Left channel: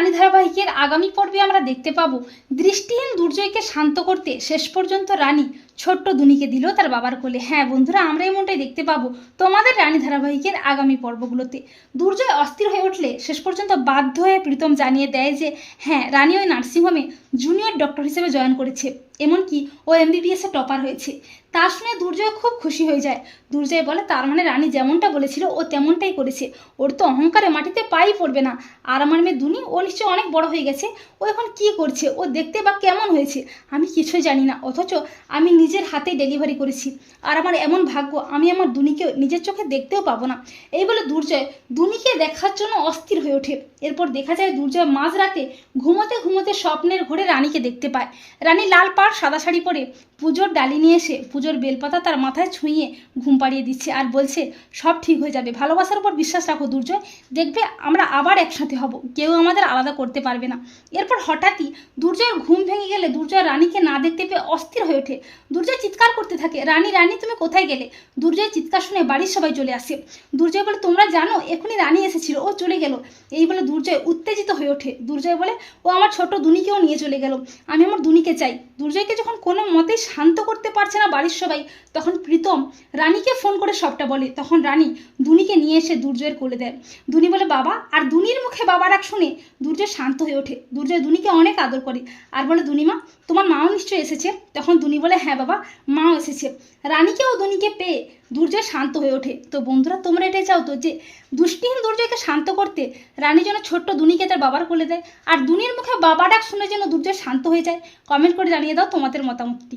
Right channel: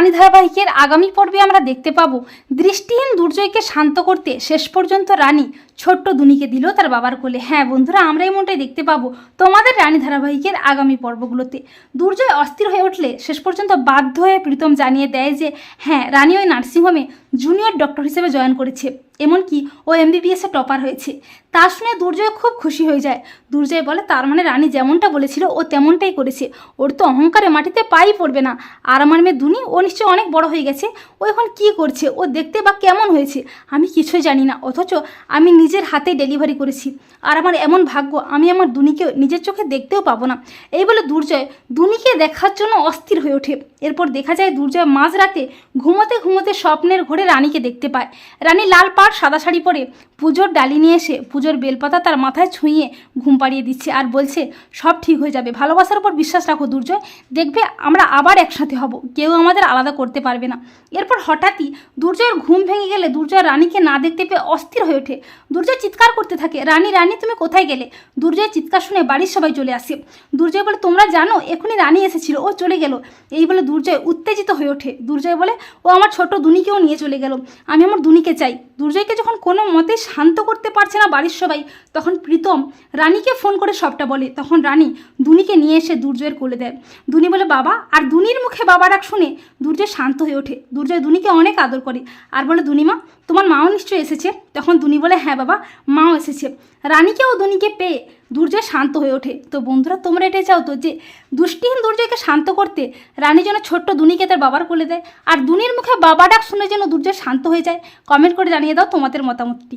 রানী ধারাবাহিকের আগামী পর্বে আমরা দেখতে পাব দৃষ্টিহীন দুর্জয়কে শান্ত করতে শেষ পর্যন্ত রানী ছোট্ট দুনিকে দিল তার বাবার কোলে। হ্যাঁ বন্ধুরা, আমরা এমনটাই দেখতে পাবো তোমাদের রানী ধারাবাহিকের আগামী পর্বগুলোতে। দুর্জয় অস্থির হয়ে উঠলে শেষ পর্যন্ত বাধ্য হয়ে প্রীতম জানিয়ে দেয় যে হ্যাঁ রানী ওই নার্সিংহোমে জুনিয়র ডক্টর হিসেবে জয়েন করেছে, এমনকি ও এমবিবিএসে টপার হয়েছে। তা শুনে দুর্জয় খুব খুশি হয়ে যায়। দুর্জয় বলে, তার মানে রানী যেমনটা বলেছিল, ও তেমনটাই করেছে। ওর তো অহংকারে মাটিতে পাই পড়বে না। আর আমার মেয়ে দুনি ও নিশ্চয়ই অনেক বড় হয়ে গেছে। ও এখন কী করছে? ও দেখতে বা কেমন হয়েছে? আমি কিছুই জানি না। অথচ আমি নিজের হাতে ডেলিভারি করেছি। আর আমার এমন ভাগ্য, আমি আমার দুনিকে নিজের চোখে দেখতেও পাবো না। এই বলে দুর্জয় দুনিকে দেখার জন্য অস্থির হয়ে ওঠে। এরপর দেখা যায় দুর্জয় মাঝরাতে ঘুমোতে ঘুমোতে স্বপ্নের ঘরে রানীকে দেখতে পায়। রানী লাল পাড়, সাদা শাড়ি পরে পুজোর ডালি নিয়ে এসে পুজোর বেলপাতা তার মাথায় ছুঁয়ে ঘুম পাড়িয়ে দিচ্ছে আর বলছে, সব ঠিক হয়ে যাবে। ভালোবাসার উপর বিশ্বাস রাখো দুর্জয়। দেখবে আমরা আবার একসাথে হব। কেউ আমাদের আলাদা করতে পারবে না। এরপর হঠাৎই দুর্জয়ের ঘুম ভেঙে গেলে দুর্জয় রানীকে না দেখতে পেয়ে অস্থির হয়ে ওঠে। দুর্জয় চিৎকার করতে থাকে। রানী রানী, তুমি কোথায় গেলে? দুর্জয়ের চিৎকার শুনে বাড়ির সবাই চলে আসে। দুর্জয় বলে, তোমরা জানো, এখনই রানী এসেছিল, ও চলে গেল। এই বলে দুর্জয় উত্তেজিত হয়ে ওঠে। দুর্জয় বলে, ও আমার ছোট দুনিকেও নিয়ে চলে গেল। আমি আমার দুনিকে চাই। দুর্জয়কে যখন কোনো মতে শান্ত করতে পারছে না বাড়ির সবাই, তখন প্রীতম রানীকে ফোন করে সবটা বলে। তখন রানী দুনিকে নিয়ে এসে দুর্জয়ের কোলে দেয়। দুনি বলে, বাবা, আর দুনির মুখে বাবা ডাক শুনে, দুর্জয় শান্ত হয়ে ওঠে। দুর্জয় দুনিকে অনেক আদর করে। আর বলে, দুনিমা তোমার মাও নিশ্চয়ই এসেছে। তখন দুনি বলে হ্যাঁ বাবা, মাও এসেছে। রানীকে ও দুনিকে পেয়ে দুর্জয় শান্ত হয়ে ওঠে। তো বন্ধুরা, তোমরা এটাই চাও তো যে, দুষ্টিহীন দুর্জয়কে শান্ত করতে রানী যেন ছোট্ট দুনিকে তার বাবার কোলে দেয়। আর দুনির মুখে বাবা ডাক শুনে যেন দুর্জয় শান্ত হয়ে যায়। কমেন্ট করে জানিয়ে দাও তোমাদের মতামতটি।